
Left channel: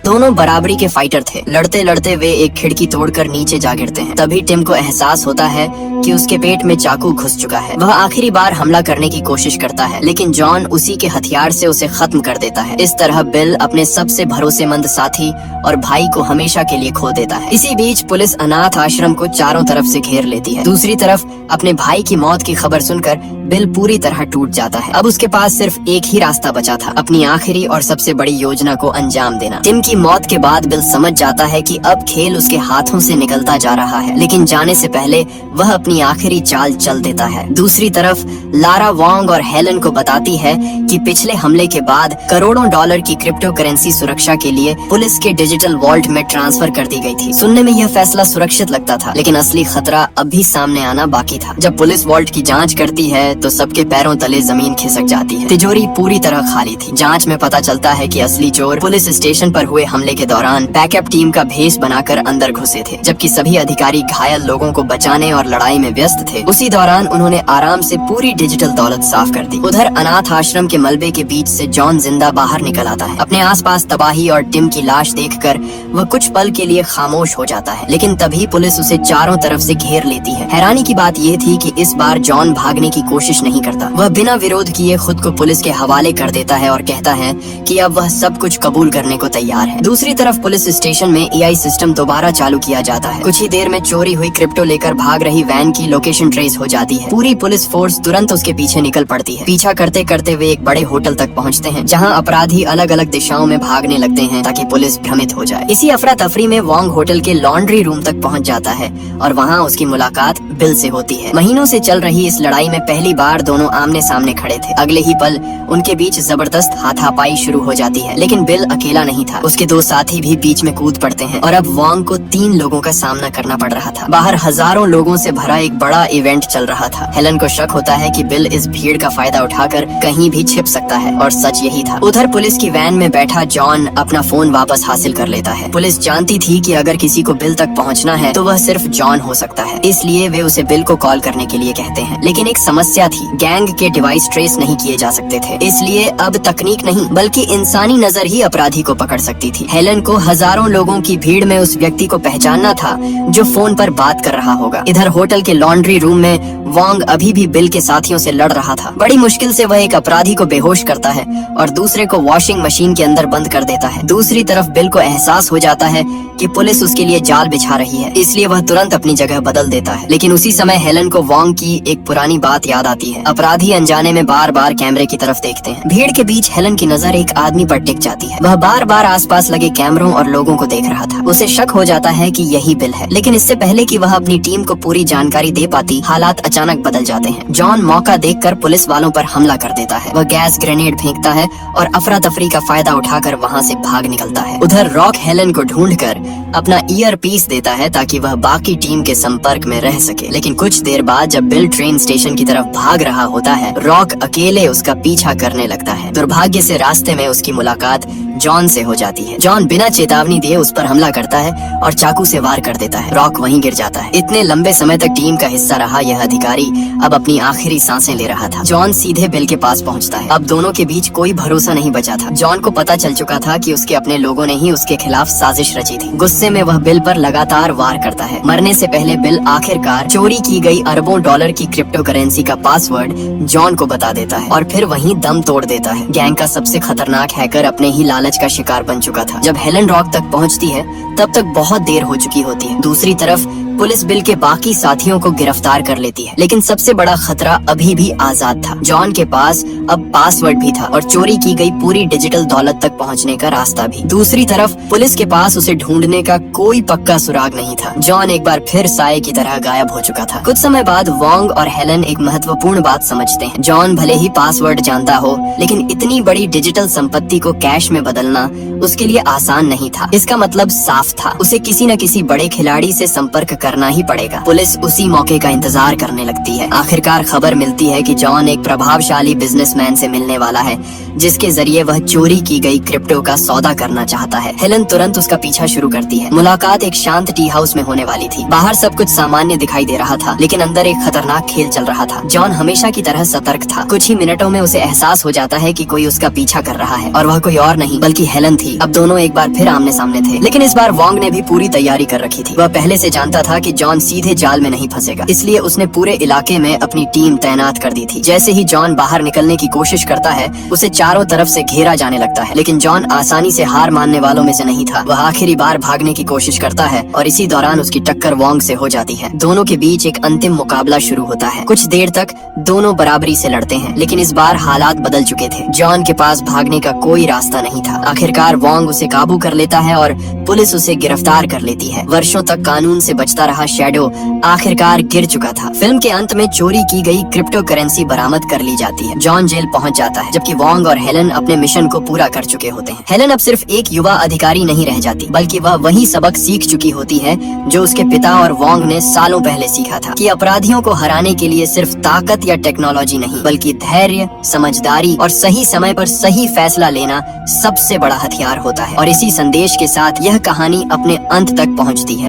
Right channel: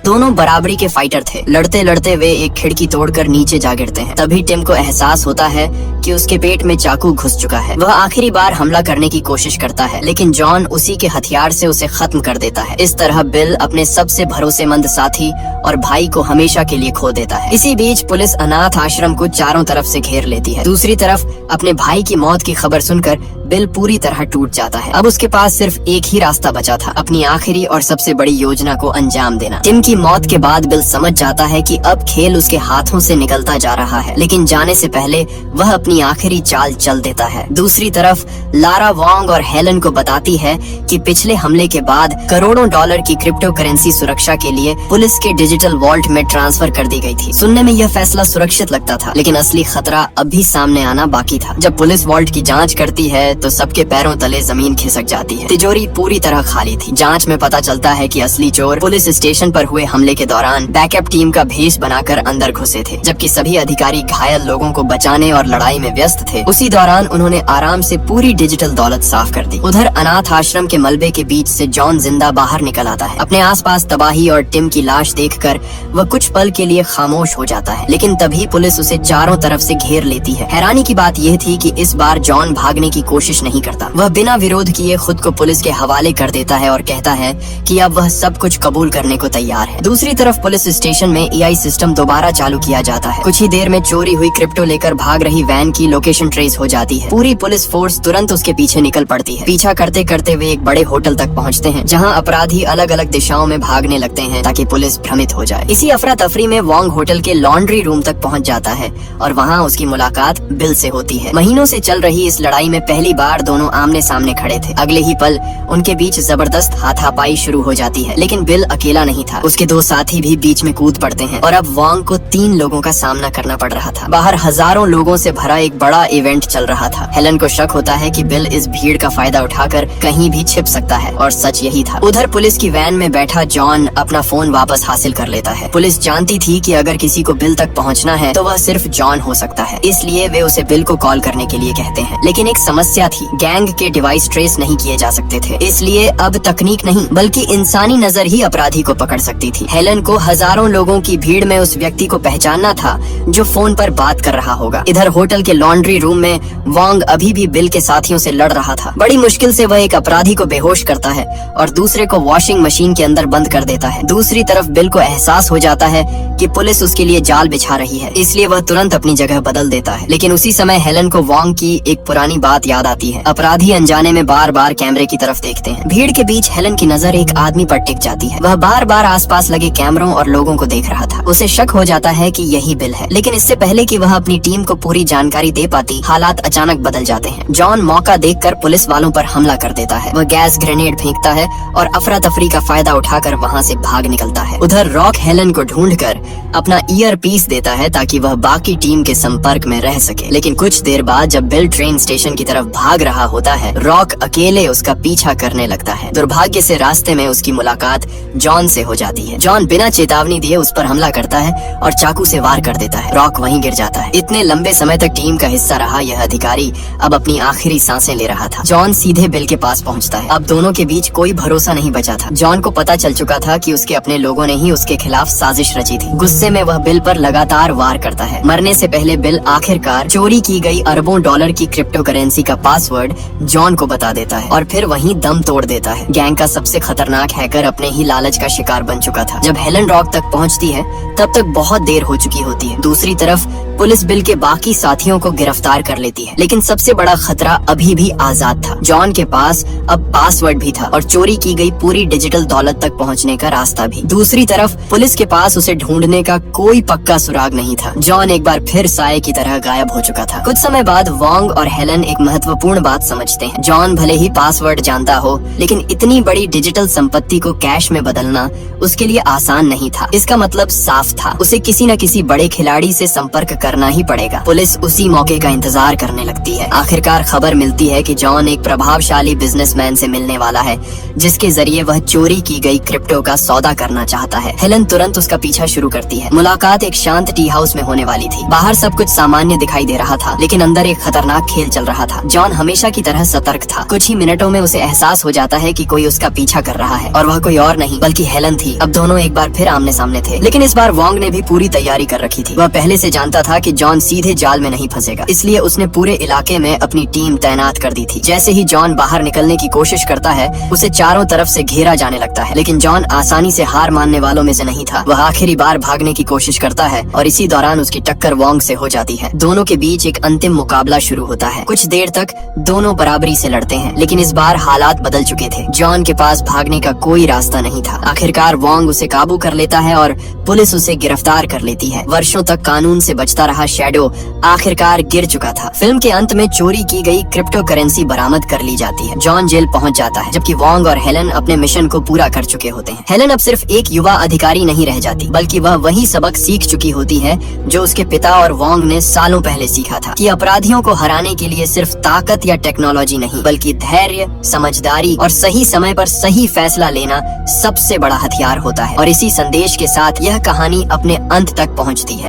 दोनों बराबरी के फाइटर थे। लड़ते लड़ते वे एक खिड़की तोड़कर नीचे जा गिरते हैं। तभी टिम को एहसास होता है कि उसके पेट में चाकू घुस चुका है। वह आखिरी बार हमला करने की कोशिश करता है, लेकिन जॉन उसी के हथियार से उसे खत्म कर देता है। इस तरह बिल अपने सबसे भरोसेमंद साथी और भाई को हमेशा के लिए खो देता है। इसी बीच पुलिस अनाथ आश्रम को चारों तरफ से घेर लेती है। दूसरी तरफ अपने भाई की मौत की खबर सुनकर बिल पूरी तरह टूट जाता है। अब उसके पास सिर्फ एक ही रास्ता बचा था, अपनी आखिरी और सबसे बड़ी योजना को अंजाम देना। टिम की मौत के बाद बिल समझ जाता है कि अब खेल उसके हाथों से निकलता जा रहा है, लेकिन जाने से पहले वह अपनी आखिरी चाल चल देता है। दूसरी तरफ लारा वोंग और हेलन को बताती है कि पिछले हमले के बाद करोड़ों डॉलर की क्रिप्टो करेंसी सुरक्षा के लिए पुलिस के डिजिटल वॉल्ट में ट्रांसफर कर दी गई थी। सुनने में यह फैसला सुरक्षित लगता था, लेकिन असली खतरा अभी सामने आना बाकी था। जब पुलिस वॉल्ट की जांच करती है तो सबके पैरों तले जमीन खिसक जाती है। तिजोरी पूरी तरह खाली थी। जांच में पता चलता है कि असली चोर पुलिस स्टेशन पर हुए हमले के दौरान बैकअप टीम का भेष बनाकर अंदर घुसे थे, जबकि सभी अधिकारी घायल लोगों को बचाने और लड़ाई में व्यस्त थे। उसी दौरान उन्होंने आराम से पूरी डिजिटल दौलत साफ कर दी। उधर अनाथ आश्रम के मलबे के बीच से जॉन जिंदा बाहर निकल आता है। अपने आसपास तबाही और टिम की लाश देखकर वह कुछ पल के लिए खामोश हो जाता है, लेकिन तभी पुलिस उसे चारों तरफ से घेर लेती है। हैरानी की बात यह थी कि इस बार जॉन भागने की कोशिश नहीं करता। वह बिना विरोध किए खुद को पुलिस के हवाले कर देता है और कहता है कि अब वह सब कुछ कबूल करने को तैयार है। दूसरी तरफ पुलिस स्टेशन में एआई सिस्टम दोबारा चालू किया जाता है। कुछ ही देर में चोरी हुई क्रिप्टो लेकर भाग रही वैन की लोकेशन ट्रेस हो जाती है। पूरी पुलिस फोर्स तुरंत उसके पीछे निकल पड़ती है। पीछा करते करते वे एक बड़े होटल तक पहुंचते हैं, जहां अपराधी अलग अलग दिशाओं में भागने लगते हैं ताकि पुलिस भ्रमित हो जाए। इसी अफरा तफरी में वोंग होटल के लॉन्ड्री रूम तक पहुंच जाता है और वहां उसकी मुलाकात बिल से होती है। महीनों से चल रही इस लड़ाई में पहली बार दोनों आमने सामने खड़े थे। अगले ही पल उनके बीच जबरदस्त हाथापाई शुरू हो जाती है, लेकिन बिल अकेला नहीं था। उसके दो साथी भी बीच में कूद पड़ते हैं और अब वोंग को 3 लोगों का सामना करना पड़ रहा था। बाहर हजारों लोगों से भरा एक बड़ा इवेंट चल रहा था। हेलन को शक होता है कि बिल इस भीड़ का फायदा उठाकर कहीं भी छिप सकता है, और सच यही था। उधर पुलिस की वैन में बैठा जॉन अपना फोन वापस हासिल कर लेता है। पुलिस जानती थी कि अगर किसी को बिल तक पहुंचना है तो वह सिर्फ जॉन हो सकता है, इसलिए वे उसे बिल को कॉल करने के लिए कहते हैं। लेकिन एक समस्या थी, गैंग के डिवाइस ट्रेस नहीं किए जा सकते थे, इसलिए अब तकनीक नहीं बल्कि इंसानी नजर ही अपराधी को पकड़ सकती थी। हेलन को हजारों लोगों की भीड़ में उस व्यक्ति को पहचानना था जो फोन पर बात कर रहा होगा। इधर होटल के लॉन्ड्री रूम में वोंग अभी भी बिल के साथियों से लड़ रहा था। बड़ी मुश्किल से वह एक अपराधी को बेहोश करता है और दूसरे को वॉशिंग मशीन के अंदर बंद कर देता है। दूसरी तरफ बिल को एहसास हो जाता है कि पुलिस उसके लिए जाल बिछा रही है, इसलिए वह तुरंत अपनी जगह बदल देता है। लेकिन उसी समय हेलन को वोंग की एक पुरानी बात याद आती है। अपराधी अनजाने में बार बार कैमरे की तरफ देखते हैं। भीड़ के बीच हेलन की नजर एक आदमी पर टिक जाती है। वह बार बार आसपास लगे कैमरों और लोगों को देख रहा था। उसे शक हो जाता है कि यही बिल है, लेकिन इससे पहले कि वह अपनी टीम को पूरी जानकारी दे पाती, हालात अचानक बदल जाते हैं। जॉन मौका देखकर पुलिस वालों पर हमला कर देता है। वह गैस ग्रेनेड फेंकता है और अफरा तफरी का फायदा उठाकर वहाँ से भाग निकलता है। उधर रॉक हेलन को ढूंढकर अपना ईयर पीस देता है ताकि वह बाकी टीम के संपर्क में रह सके। लेकिन कुछ देर बाद जब बिल ट्रेन स्टेशन की तरफ भाग रहा होता है, रॉक अकेले उसका पीछा करने लगता है। दुर्भाग्य से रास्ते में उसकी मुलाकात जॉन से हो जाती है। जॉन बिना चेतावनी दिए उस पर हमला करता है और चाकू से वार कर देता है। रॉक वहीं गिर जाता है। इतने लंबे समय तक टीम का हिस्सा रहा यह अधिकारी अब अपनी आखिरी सांसें ले रहा था। जॉन सीधे बिल के पास पहुंचता है। अब दोनों के बीच कोई भरोसा नहीं बचा था। जॉन को पता चल चुका था कि उसके अपने लोगों ने ही उसके खिलाफ साजिश रची थी। गुस्से में वह बिल पर लगातार वार करता है। मरने से पहले बिल आखिरकार चोरी की गई अरबों डॉलर की क्रिप्टो करेंसी का पासवर्ड जॉन को बता देता है और फिर वहीं दम तोड़ देता है। गैंग का सबसे खतरनाक हैकर अपने ही लालच का शिकार बन चुका था। जब हेलन रॉक तक पहुंचती है तब तक बहुत देर हो चुकी होती है। दूसरी तरफ पुलिस बिल के बाकी साथियों को गिरफ्तार कर लेती है, लेकिन सबसे बड़ा खतरा अभी भी आजाद था। जॉन के पास अब पासवर्ड भी था और चोरी की गई पूरी डिजिटल दौलत तक पहुंचने का रास्ता भी। दूसरी तरफ पुलिस के पास उसे ढूंढने का कोई पक्का सुराग नहीं था। जॉन एक बार फिर साए की तरह गायब हो चुका था। कुछ समय बाद वोंग और हेलन एक महत्वपूर्ण बात समझते हैं। जॉन भले ही पासवर्ड जानता हो, लेकिन इतनी बड़ी डिजिटल संपत्ति को कैश में बदलना उसके लिए आसान नहीं था। इसका मतलब साफ था, उसे किसी न किसी बड़े खिलाड़ी से संपर्क करना ही पड़ेगा। पुलिस उसी मौके का इंतजार करने लगती है। आखिरकार खबर मिलती है कि जॉन एक प्रभावशाली बिजनेसमैन से मिलने वाला है, जिसके जरिए वह चोरी की गई क्रिप्टो का सौदा करना चाहता है। हेलन तुरंत उसका पीछा शुरू करती है। मुलाकात एक शांत टी हाउस में होने वाली थी। बाहर सब कुछ सामान्य दिखाई दे रहा था, लेकिन अंदर एक खतरनाक खेल चल रहा था। जॉन हमेशा की तरह सतर्क था। कुछ ही मिनटों में उसे एहसास हो जाता है कि कोई उसका पीछा कर रहा है, और वह कोई और नहीं बल्कि हेलन थी। अब दोनों एक बार फिर आमने सामने थे, लेकिन इस बार वोंग ने भी पूरी तैयारी कर रखी थी। वह पहले से जानता था कि जॉन सीधे जाल में नहीं फंसेगा, इसलिए उसने पूरे इलाके में अपनी टीम तैनात कर दी थी। जैसे ही जॉन बाहर निकलने की कोशिश करता है, उसे चारों तरफ से घेरा जाने लगता है, लेकिन जॉन आसानी से हार मानने वालों में से नहीं था। वह आखिरी बार भागने की कोशिश करता है और इसी दौरान उसकी टक्कर वोंग से हो जाती है। दोनों के बीच एक अंतिम मुकाबला शुरू होता है। कुछ देर तक दोनों बराबरी से लड़ते हैं, लेकिन इस बार हालात बदल चुके थे। जॉन के पास भागने का कोई रास्ता नहीं था। आखिरकार वोंग उसे काबू कर लेता है और पुलिस उसे गिरफ्तार कर लेती है। वर्षों तक कानून से बचता रहा शैडो आखिरकार गिर चुका था। फिल्म के अंत में चोरी की गई क्रिप्टो करेंसी बरामद कर ली जाती है। जॉन जेल पहुंच जाता है, जबकि वोंग और हेलन अपने मिशन को पूरा कर चुके होते हैं। हेलन अब सिर्फ एक युवा अधिकारी नहीं रह जाती, बल्कि वह वही सबक सीख चुकी होती है जो उसके पिता और वोंग ने सालों पहले सीखा था, कि अपराधियों को हराने के लिए सिर्फ ताकत या टेक्नोलॉजी नहीं, बल्कि धैर्य, समझदारी और सही समय पर सही फैसला लेना सबसे बड़ा हथियार होता है। और इसी संदेश के साथ यह कहानी अपने अंत तक पहुंचती है।